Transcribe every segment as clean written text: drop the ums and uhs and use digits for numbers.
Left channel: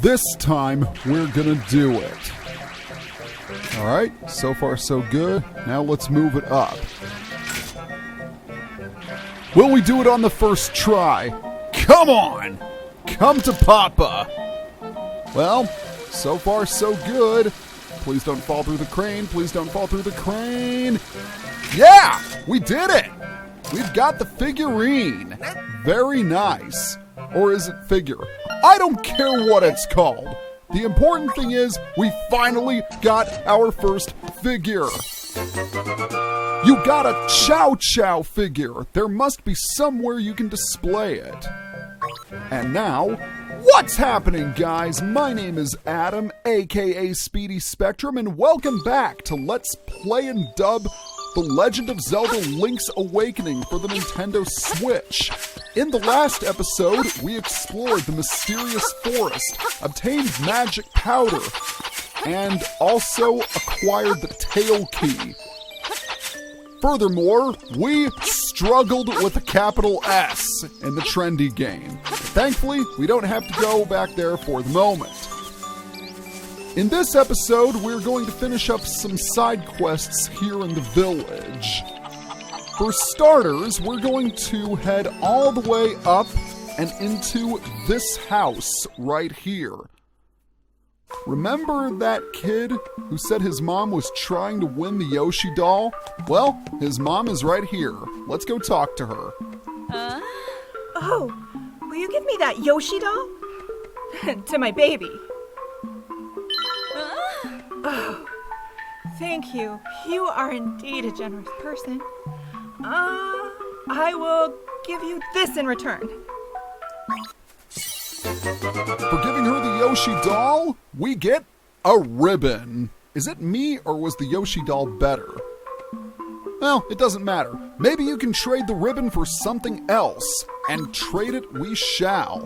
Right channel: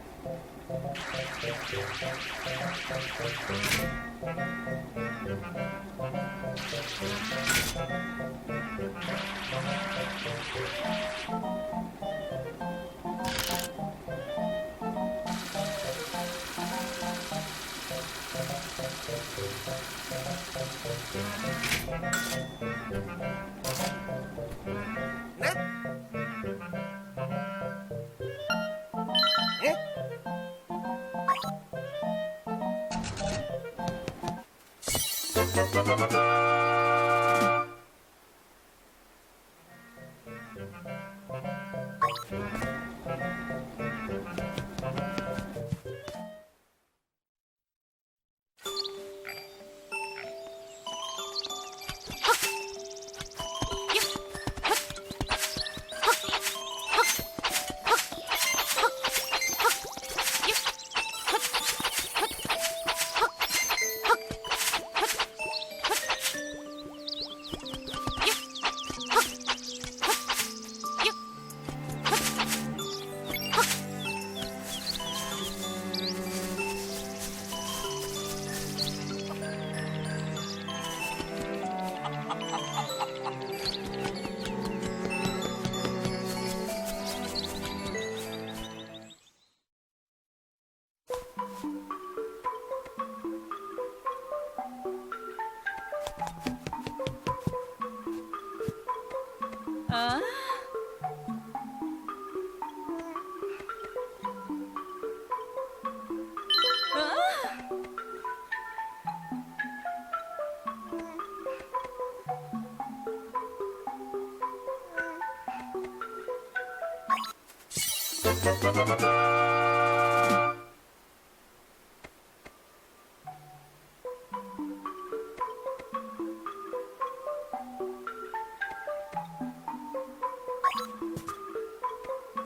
This time, we're gonna do it. Alright, so far so good. Now let's move it up. Will we do it on the first try? Come on! Come to Papa! Well, so far so good. Please don't fall through the crane. Please don't fall through the crane. Yeah! We did it! We've got the figurine. Very nice. Or is it figure? I don't care what it's called. The important thing is we finally got our first figure. You got a Chow Chow figure. There must be somewhere you can display it. And now, what's happening, guys? My name is Adam, aka Speedy Spectrum, and welcome back to Let's Play and Dub The Legend of Zelda Link's Awakening for the Nintendo Switch. In the last episode, we explored the mysterious forest, obtained magic powder, and also acquired the tail key. Furthermore, we struggled with a capital S in the Trendy game. Thankfully, we don't have to go back there for the moment. In this episode, we're going to finish up some side quests here in the village. For starters, we're going to head all the way up and into this house right here. Remember that kid who said his mom was trying to win the Yoshi Doll? Well, his mom is right here. Let's go talk to her. Oh, will you give me that Yoshi Doll? To my baby. Oh, thank you. You are indeed a generous person. I will give you this in return. For giving her the Yoshi Doll, we get a ribbon. Is it me or was the Yoshi Doll better? Well, it doesn't matter. Maybe you can trade the ribbon for something else, and trade it we shall.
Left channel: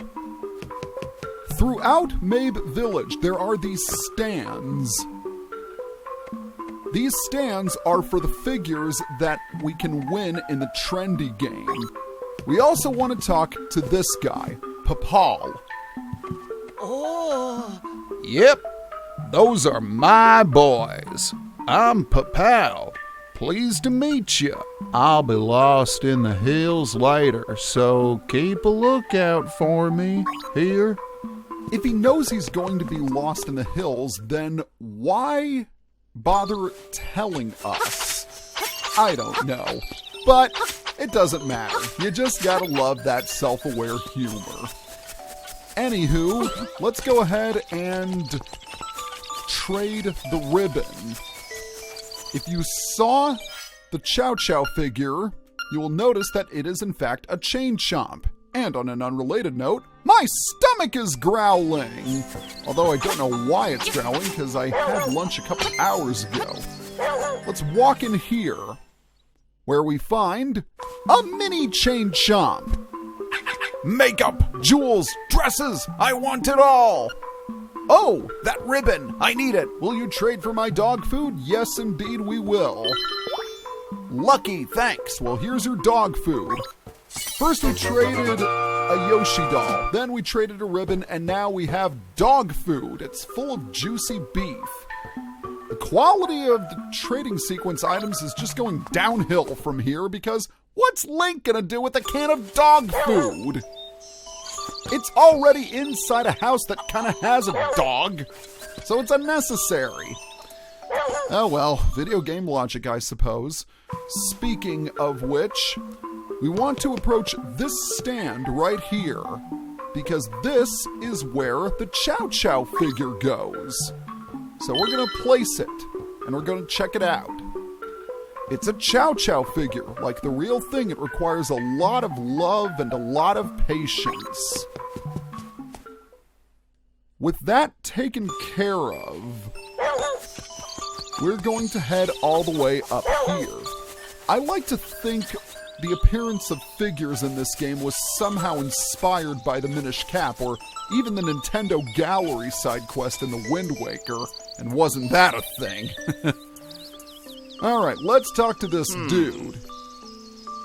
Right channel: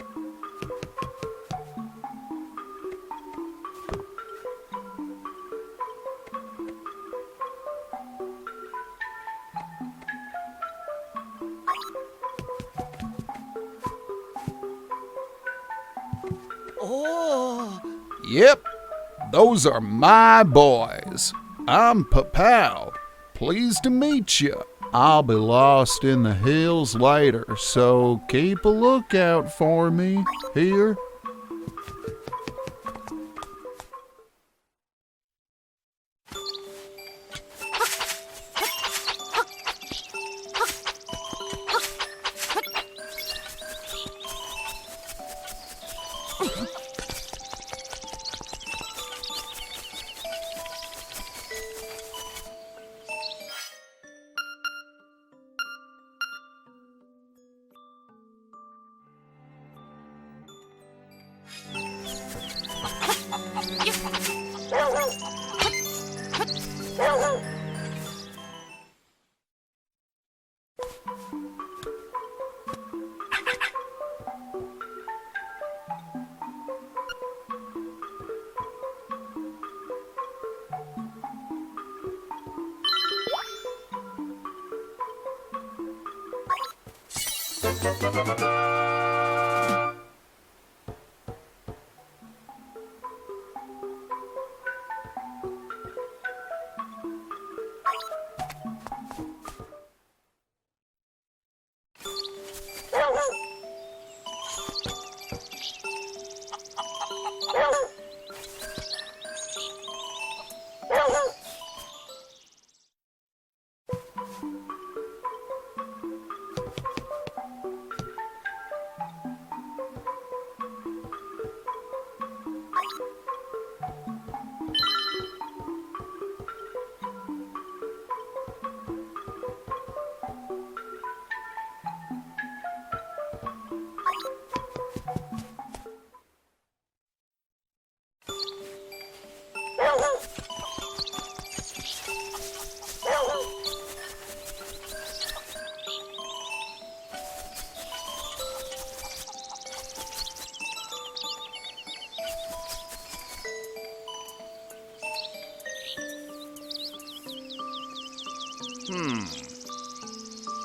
Throughout Mabe Village, there are these stands. These stands are for the figures that we can win in the Trendy game. We also want to talk to this guy, Papal. Oh. Yep, those are my boys. I'm Papal. Pleased to meet you. I'll be lost in the hills later, so keep a lookout for me here. If he knows he's going to be lost in the hills, then why bother telling us? I don't know. But it doesn't matter. You just gotta love that self-aware humor. Anywho, let's go ahead and trade the ribbon. If you saw the Chow Chow figure, you will notice that it is in fact a chain chomp. And on an unrelated note, my stomach is growling. Although I don't know why it's growling, because I had lunch a couple hours ago. Let's walk in here, where we find a mini chain chomp. Makeup, jewels, dresses, I want it all. Oh, that ribbon, I need it. Will you trade for my dog food? Yes, indeed we will. Lucky, thanks. Well, here's your dog food. First we traded a Yoshi Doll, then we traded a ribbon, and now we have dog food. It's full of juicy beef. The quality of the trading sequence items is just going downhill from here because what's Link gonna do with a can of dog food? It's already inside a house that kinda has a dog, so it's unnecessary. Oh well, video game logic, I suppose. Speaking of which, we want to approach this stand right here, because this is where the Chow Chow figure goes. So we're gonna place it, and we're gonna check it out. It's a Chow Chow figure. Like the real thing, it requires a lot of love and a lot of patience. With that taken care of, we're going to head all the way up here. I like to think the appearance of figures in this game was somehow inspired by the Minish Cap, or even the Nintendo Gallery side quest in the Wind Waker, and wasn't that a thing? Alright, let's talk to this dude.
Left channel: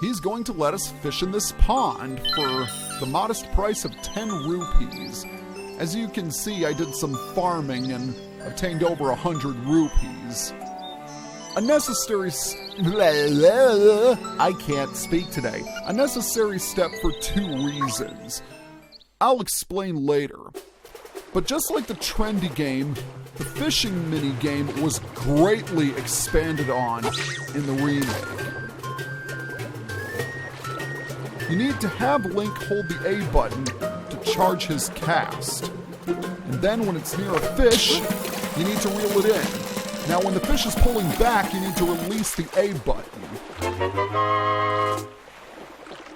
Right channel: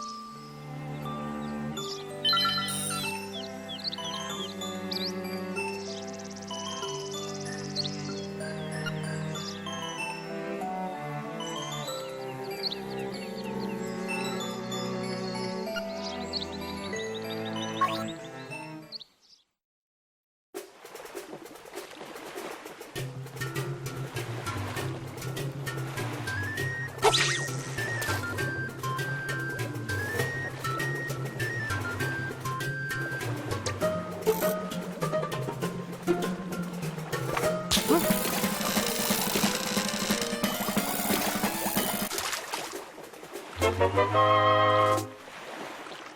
He's going to let us fish in this pond for the modest price of 10 rupees. As you can see, I did some farming and obtained over 100 rupees. A necessary I can't speak today. A necessary step for 2 reasons. I'll explain later. But just like the Trendy game, the fishing mini-game was greatly expanded on in the remake. You need to have Link hold the A button to charge his cast. And then when it's near a fish, you need to reel it in. Now when the fish is pulling back, you need to release the A button.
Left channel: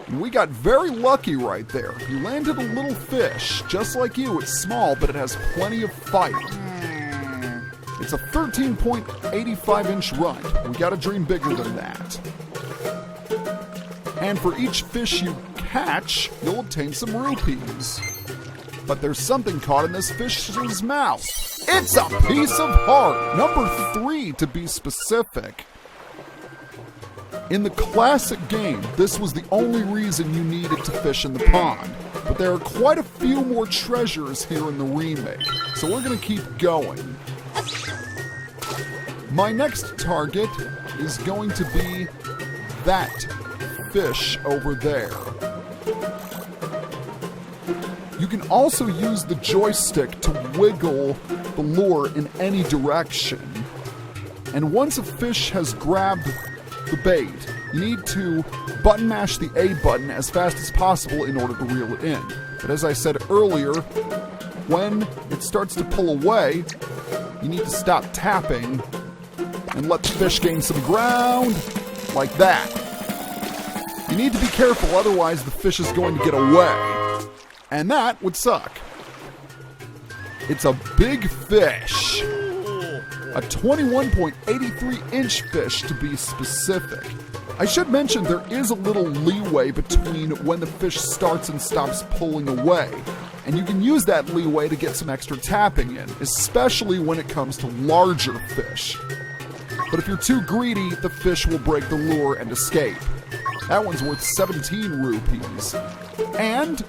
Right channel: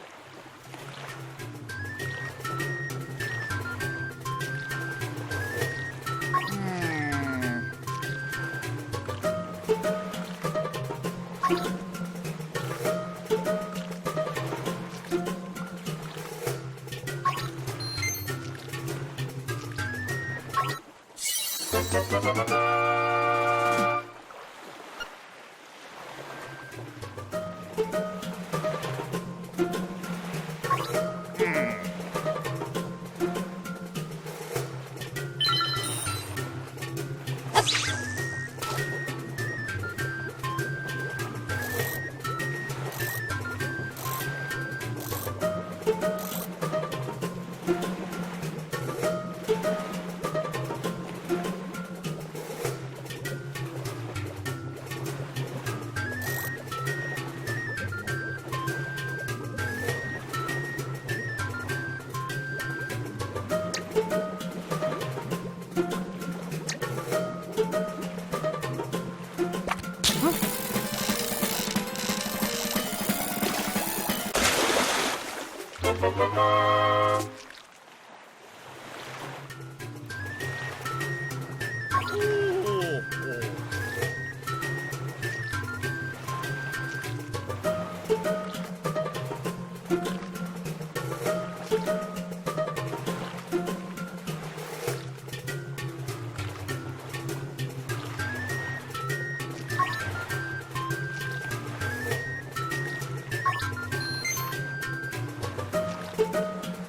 And we got very lucky right there. We landed a little fish, just like you. It's small, but it has plenty of fight. It's a 13.85-inch run. We gotta dream bigger than that. And for each fish you catch, you'll obtain some rupees. But there's something caught in this fish's mouth. It's a piece of heart! Number 3, to be specific. In the classic game, this was the only reason you needed to fish in the pond. But there are quite a few more treasures here in the remake, so we're gonna keep going. My next target is going to be that fish over there. You can also use the joystick to wiggle the lure in any direction. And once a fish has grabbed the bait, you need to button mash the A button as fast as possible in order to reel it in. But as I said earlier, when it starts to pull away, you need to stop tapping and let the fish gain some ground, like that. You need to be careful, otherwise the fish is going to get away. And that would suck. It's a big fish. A 21.83-inch fish, to be specific. I should mention there is a little leeway between when the fish starts and stops pulling away. And you can use that leeway to get some extra tapping in, especially when it comes to larger fish. But if you're too greedy, the fish will break the lure and escape. That one's worth 17 rupees. And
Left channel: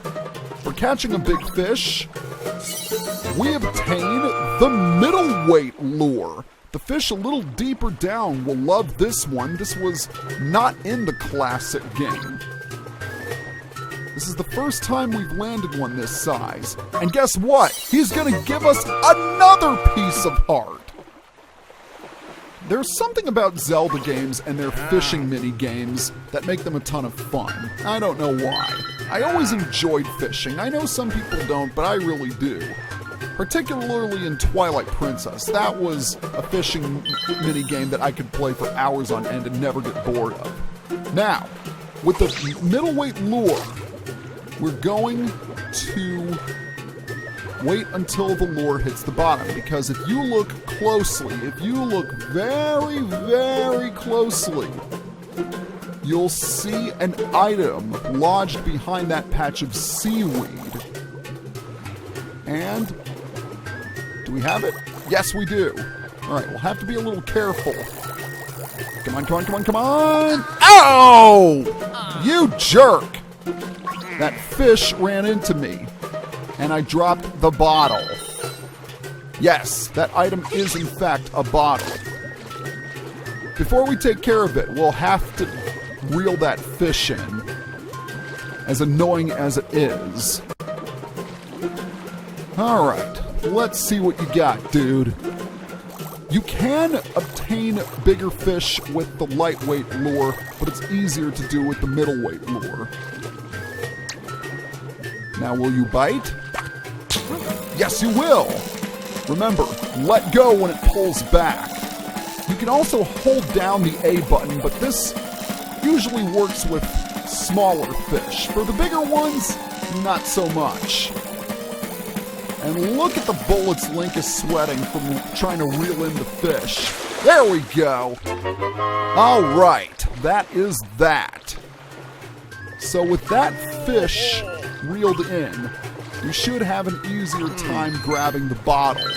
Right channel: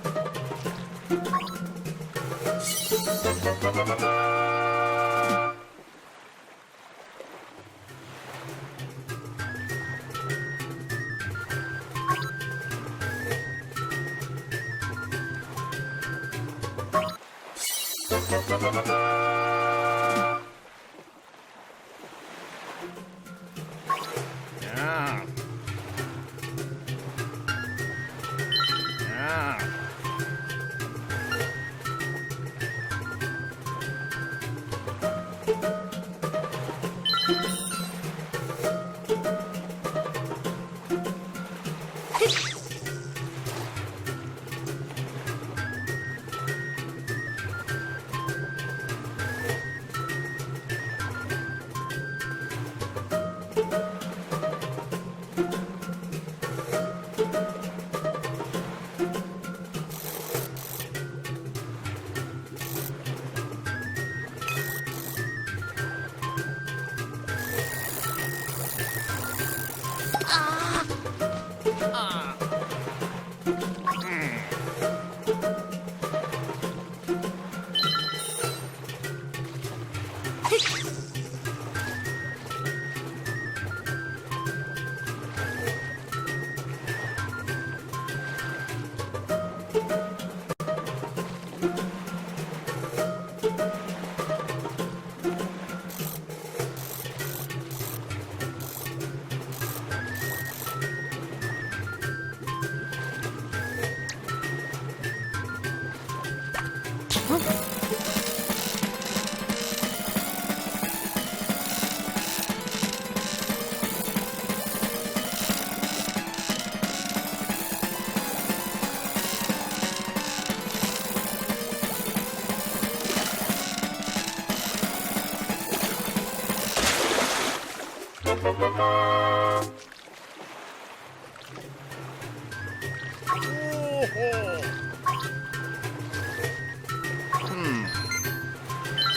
for catching a big fish, we obtain the middleweight lure. The fish a little deeper down will love this one. This was not in the classic game. This is the first time we've landed one this size. And guess what? He's gonna give us another piece of heart. There's something about Zelda games and their fishing mini-games that make them a ton of fun. I don't know why. I always enjoyed fishing. I know some people don't, but I really do. Particularly in Twilight Princess. That was a fishing mini-game that I could play for hours on end and never get bored of. Now, with the middleweight lure, we're going to wait until the lure hits the bottom, because if you look closely, if you look very, very closely, you'll see an item lodged behind that patch of seaweed. And do we have it? Yes, we do. All right, we'll have to be a little careful. Come on, come on, come on, come on! Ow! You jerk! That fish ran into me, and I dropped the bottle. Yes, that item is in fact a bottle. Before we take care of it, we'll have to reel that fish in, as annoying as it is. All right, let's see what you got, dude. You can obtain bigger fish with the lightweight lure, but it's easier to do with the middleweight lure. Now, will you bite? Yes, you will. Remember, let go when it pulls back. You can also hold down the A button, but this usually works with smaller fish. For the bigger ones, not so much. And look at the bullets Link is sweating from trying to reel in the fish. There we go. All right, that is that. So with that fish reeled in, you should have an easier time grabbing the bottle.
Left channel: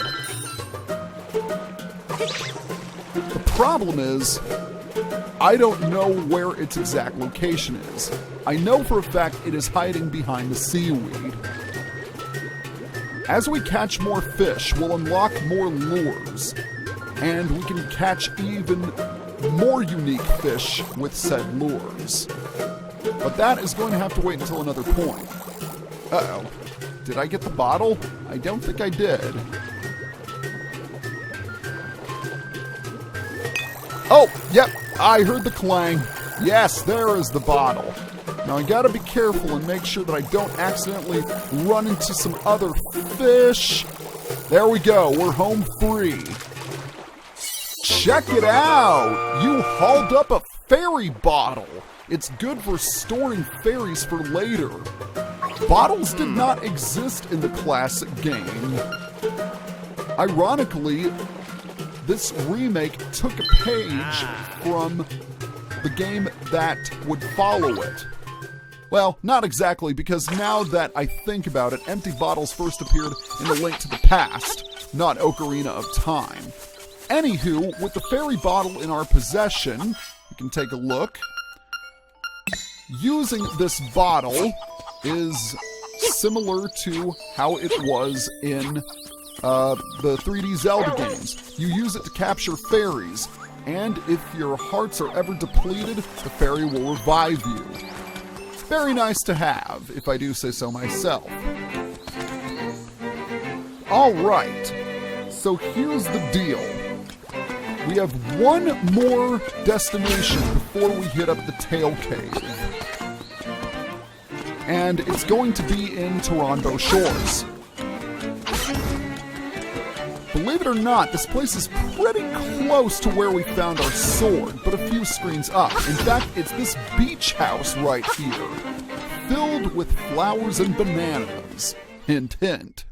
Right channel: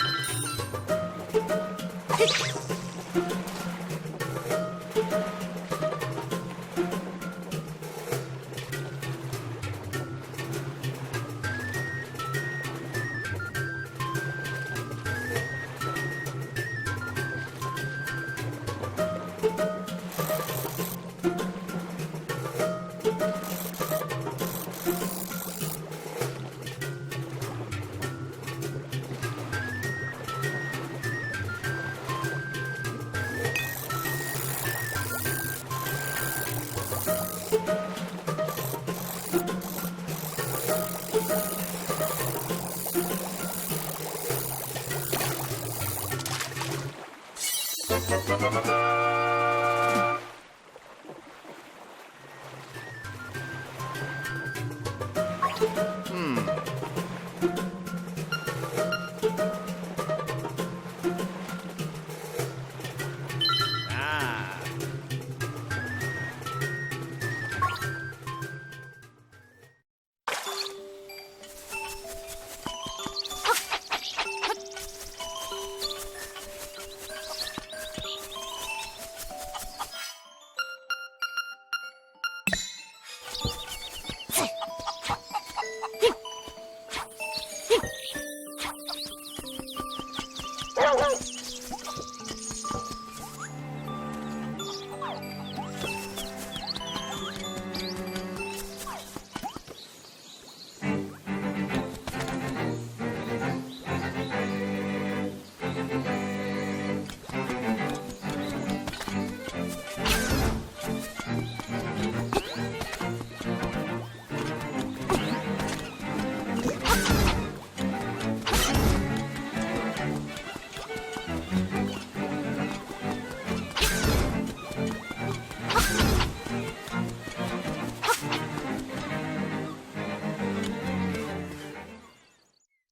The problem is, I don't know where its exact location is. I know for a fact it is hiding behind the seaweed. As we catch more fish, we'll unlock more lures, and we can catch even more unique fish with said lures. But that is going to have to wait until another point. Uh-oh. Did I get the bottle? I don't think I did. Oh, yep, I heard the clang. Yes, there is the bottle. Now I gotta be careful and make sure that I don't accidentally run into some other fish. There we go, we're home free. Check it out! You hauled up a fairy bottle. It's good for storing fairies for later. Bottles did not exist in the classic game. Ironically, this remake took a page from the game that would follow it. Well, not exactly, because now that I think about it, empty bottles first appeared in A Link to the Past, not Ocarina of Time. Anywho, with the fairy bottle in our possession, we can take a look. Using this bottle is similar to how it was in the 3D Zelda games. You use it to capture fairies, and if your hearts are ever depleted, the fairy will revive you. Very nice to have, if I do say so myself. Alright, so here's the deal. We have one more destination before we hit up the Tail Cave. And it's going to be in Toronto Shores. Believe it or not, this place is pretty close to where we found our sword, but a few screens up. In fact, it's this beach house right here, filled with flowers and bananas. Hint, hint.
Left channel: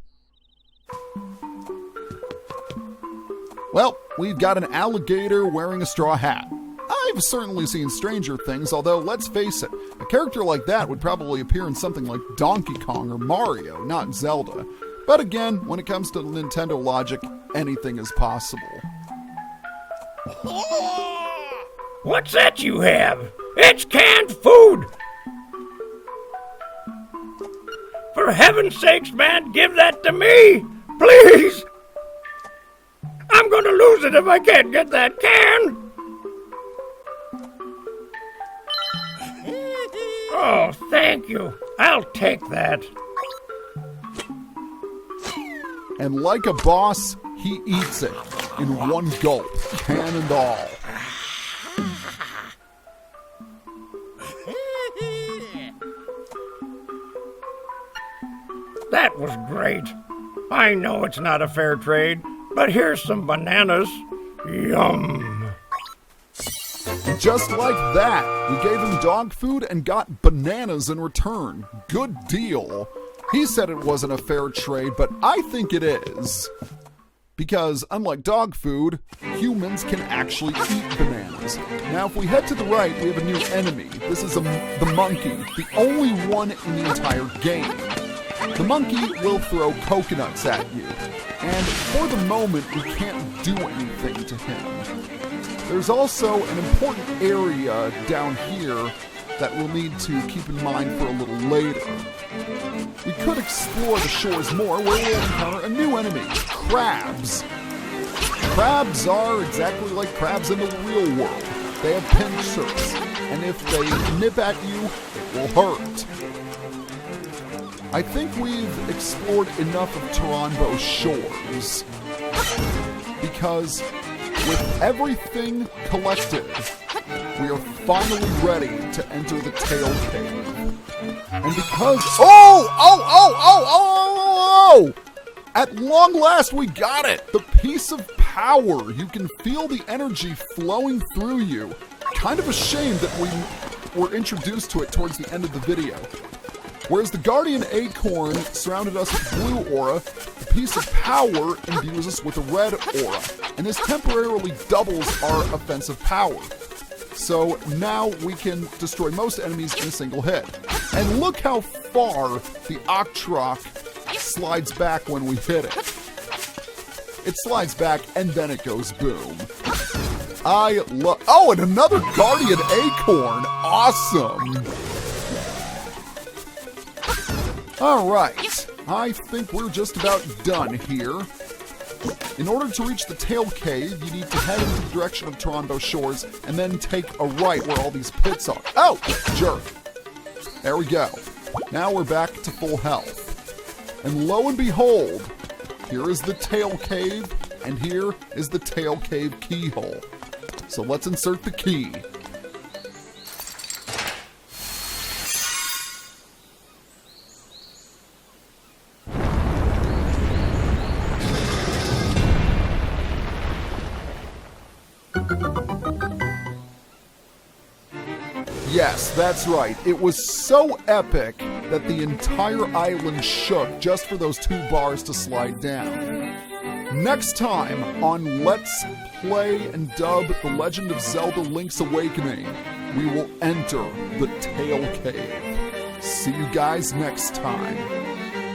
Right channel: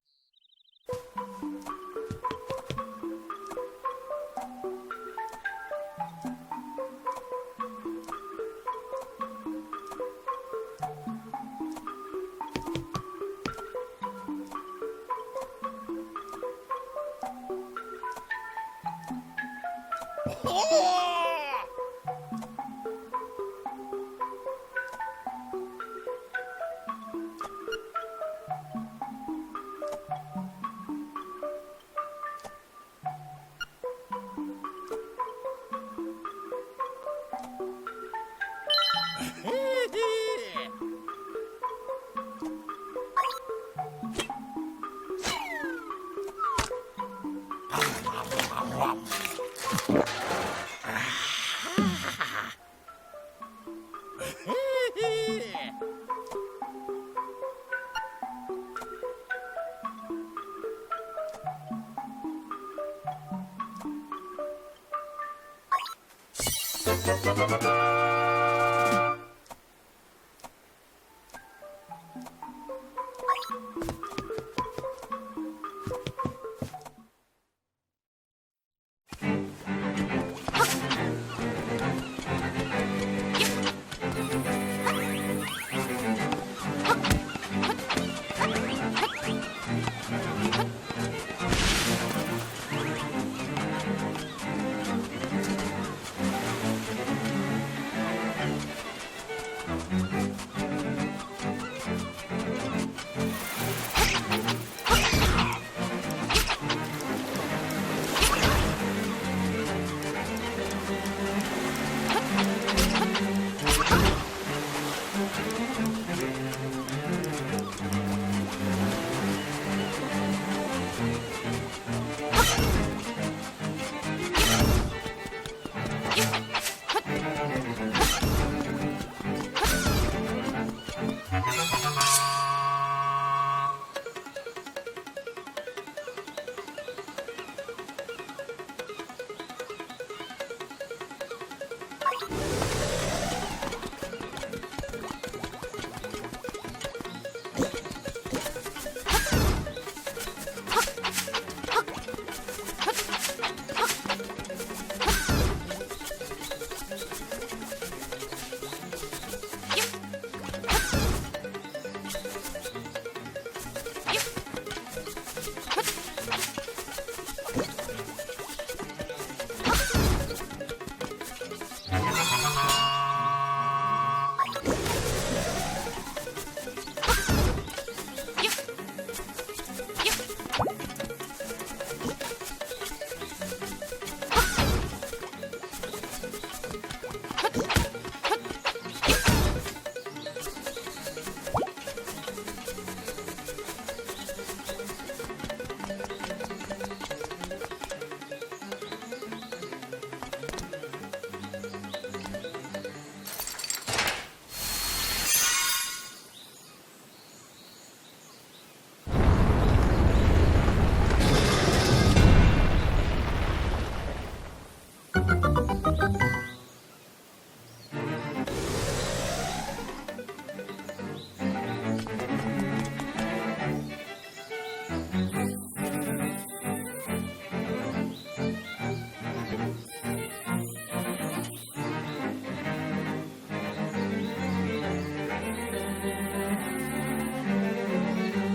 Well, we've got an alligator wearing a straw hat. I've certainly seen stranger things, although let's face it, a character like that would probably appear in something like Donkey Kong or Mario, not Zelda. But again, when it comes to Nintendo logic, anything is possible. What's that you have? It's canned food! For heaven's sakes, man, give that to me! Please! I'm gonna lose it if I can't get that can! Oh, thank you. I'll take that. And like a boss, he eats it in one gulp, can and all. That was great. I know it's not a fair trade, but here's some bananas. Yum. Just like that, we gave him dog food and got bananas in return. Good deal. He said it wasn't a fair trade, but I think it is. Because, unlike dog food, humans can actually eat bananas. Now, if we head to the right, we have a new enemy. This is the monkey, the only one in the entire game. The monkey will throw coconuts at you, and for the moment, we can't do anything to him. There's also an important area down here that we'll need to keep in mind for a little later. We could explore the shores more where we encounter a new enemy, crabs. Crabs are exactly like crabs in the real world. They have pincers, and if they nip at you, they'll hurt. I think we've explored enough of Toronto Shores, because with everything collected, we are finally ready to enter the Tail Cave. And because... Oh! At long last, we got it! The piece of power! You can feel the energy flowing through you. Kind of a shame that we were introduced to it towards the end of the video. Whereas the Guardian Acorn surrounded us with blue aura, the piece of power imbues us with a red aura, and this temporarily doubles our offensive power. So now we can destroy most enemies in a single hit. And look how far the Octrock slides back when we hit it. It slides back and then it goes boom. Oh, and another Guardian Acorn! Awesome! Alright, I think we're just about done here. In order to reach the tail cave, you need to head in the direction of Toronto Shores and then take a right where all these pits are. Oh, jerk. There we go. Now we're back to full health. And lo and behold, here is the tail cave, and here is the tail cave keyhole. So let's insert the key. Yes, that's right. It was so epic that the entire island shook just for those 2 bars to slide down. Next time on Let's Play and Dub The Legend of Zelda Link's Awakening, we will enter the Tail Cave. See you guys next time.